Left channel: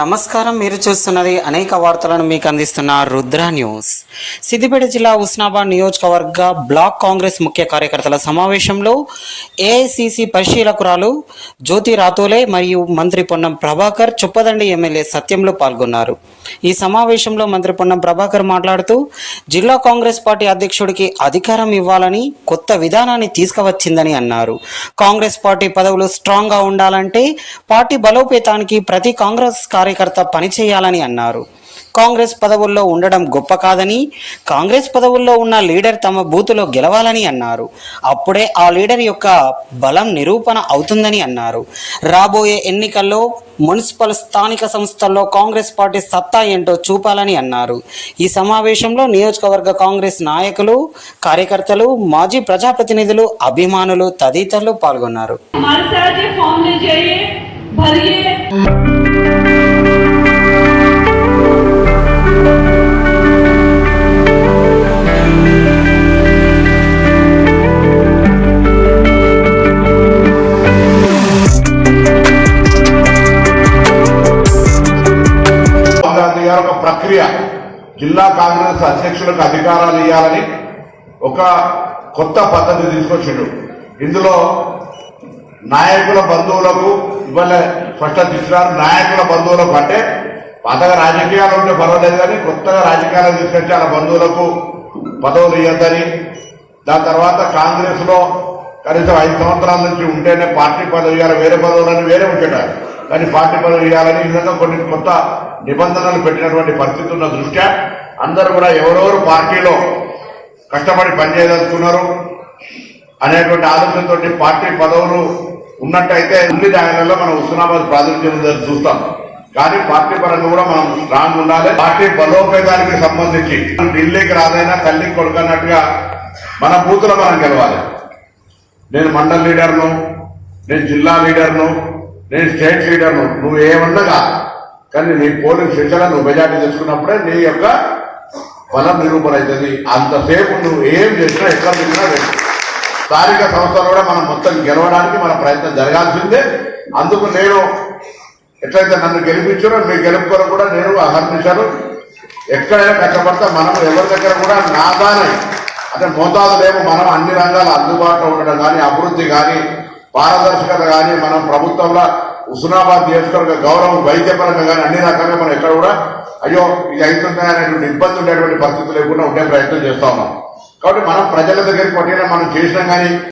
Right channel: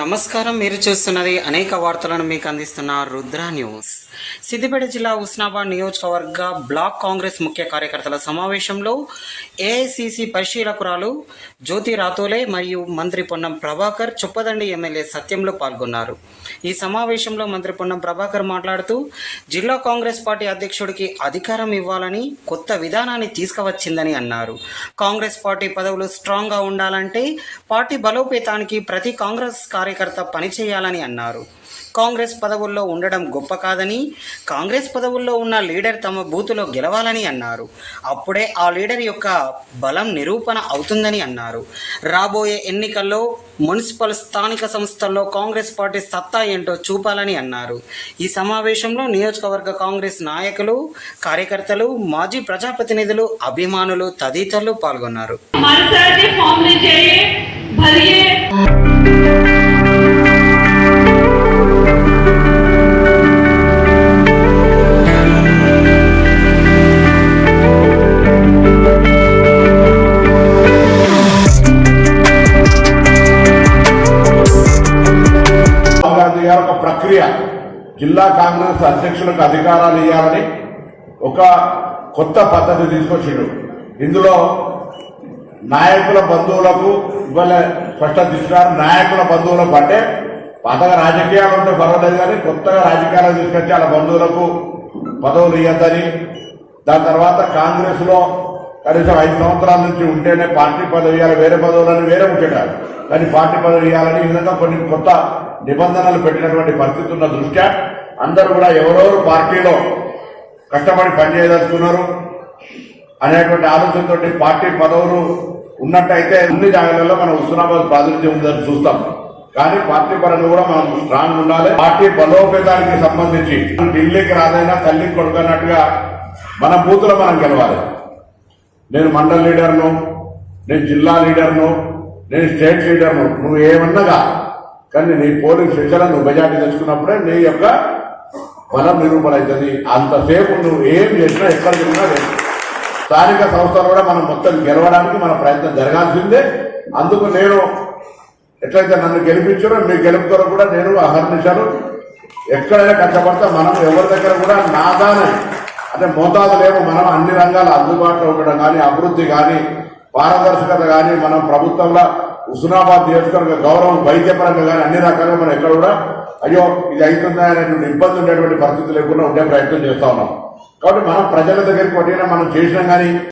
నమస్కారం మీరు చూస్తున్నది అనేక వార్తలను మీకు అందిస్తున్న రుద్ర న్యూస్. సిద్దిపేట జిల్లా ఉస్నాబాద్ నియోజకవర్గ బ్లాక్ కాంగ్రెస్ ముఖ్య కార్యకర్తల సమావేశంలో ఏఐసిసి పరిశీలకురాలు జ్యోతి రాతోలే మరియు మంత్రి పొన్నం ప్రభాకర్ చొప్పదండి ఎమ్మెల్యే సత్యంలో పాల్గొన్నారు. ఈ సమావేశంలో మంత్రి పొన్నం ప్రభాకర్ మాట్లాడుతూ జిల్లా కాంగ్రెస్ పార్టీ అధ్యక్షుడికి అధికారం ఇవ్వాలని కొత్త విధానాన్ని తీసుకువచ్చిందని అన్నారు. కాంగ్రెస్ పార్టీ పదవులు స్ట్రాంగ్గా ఉండాలంటే పార్టీ బలోపేతానికి ప్రతి కాంగ్రెస్ కార్యకర్త పనిచేయాలని అన్నారు. కాంగ్రెస్ పదవుల్లో ఉండడం గొప్ప కాదని కాంగ్రెస్ పదవుల్లో ఉన్న లీడర్ తమ బూతులో గెలవాలని అన్నారు. అప్పుడే ఆ లీడర్ యొక్క బలం నిరూపణ అవుతుందని అన్నారు. రాబోయే ఎన్నికల్లో మున్సిపల్ స్థానిక సంస్థల్లో కాంగ్రెస్ పార్టీ సత్తా ఏంటో చూపాలని అన్నారు. ఈ సమావేశంలో నియోజకవర్గ కాంగ్రెస్ నాయకులు కార్యకర్తలు మాజీ ప్రజాప్రతినిధులు అభిమానులు తదితరులు పాల్గొన్నారు. ప్రక్రియ. జిల్లా కాంగ్రెస్ అధ్యక్షులకు అధికారాలు ఇవ్వాలని ఒక కొత్త పద్ధతి తీసుకొచ్చిండు. ఇందులో నాయకుల బంధువులకు ఇవాళ స్పష్టత ఇచ్చినారు నాయకుల బంధువులకు అంటే పాతగా రాజకీయాలు ఉంటే పర్వాలేదు కానీ కొత్తగా రాజకీయాలు తీసుకొచ్చి వాళ్ళ బంధువులకు పదవులు ఇవ్వద్దని దాని తర్వాత కాంగ్రెస్లో కనీసం ఐదు సంవత్సరాల నుంచి ఉంటేనే పార్టీ పదవి ఇవ్వాలి వేరే పదవులను వేరే ఉంచారు కానీ పార్టీ పదవి ఇవ్వాలని ఈ విధంగా కొన్ని కొత్త నిబంధనలు పెట్టినటువంటి పరిస్థితి ఉన్న దృష్ట్యా అందరూ కూడా ఎవరెవరు పార్టీలో కష్టపడి పనిచేయదలుచుకున్నారు అనేటువంటి ఆలోచనతో పార్టీ పదవులు ఉన్నట్టయితే అన్ని జాగాలలో మనం హుస్నాబాద్ ప్రాతినిధ్యం ఉందని చూస్తాం. కానీ పార్టీ పరంగా కూడా మనం స్ట్రాంగ్ ఉండాలి. పార్టీ బలోపేతానికి సంబంధించి ఢిల్లీకి రాదైనా కల్లికి కొడుకున్నట్టుగా మన బూతులో మనం గెలవాలి. నేను మండల్ లీడర్ను నేను జిల్లా లీడర్ను నేను స్టేట్ లీడర్ను నువ్వు ఏమన్నగా కానీ నీ పోలింగ్ శిక్షణ నువ్వు మెజార్టీ తెచ్చుకున్నప్పుడే నీ యొక్క బలం నిరూపణ అవుతుంది అంతసేపు నువ్వు ఏం చేసినా ఎక్కడ తిరిగినా స్థానిక సంస్థలు కూడా మనం మొత్తం గెలవడానికి మన ప్రయత్నం జరగాల్సిందే. అందుకు నేను ఎట్లయితే నన్ను గెలిపించారో మీ గెలుపుకొని కూడా నేను అహర్నిశాలు. ఎక్కడైనా కష్టపడతా మనం ఎవరి దగ్గర కూడా నాదాని అంటే మోతాదులేమో మనం అన్ని రంగాల అందుబాటులో ఉండడం కానీ అభివృద్ధి కానీ పారదర్శకత కానీ మనం ప్రభుత్వంలో హుస్నాబాద్ నియోజకవర్గ గౌరవం వైద్యపరంగా కానీ అన్ని రకాలుగా మనం ఎక్కడ కూడా అయ్యో ఇది అవుతుందా అనేటువంటి ఇబ్బంది ఉండేటువంటి పరిస్థితి లేకుండా ఉండే ప్రయత్నం చేస్తా ఉన్నాం. కాబట్టి మనం ప్రజల దగ్గరికి పట్టినా మనం చేసినాం కానీ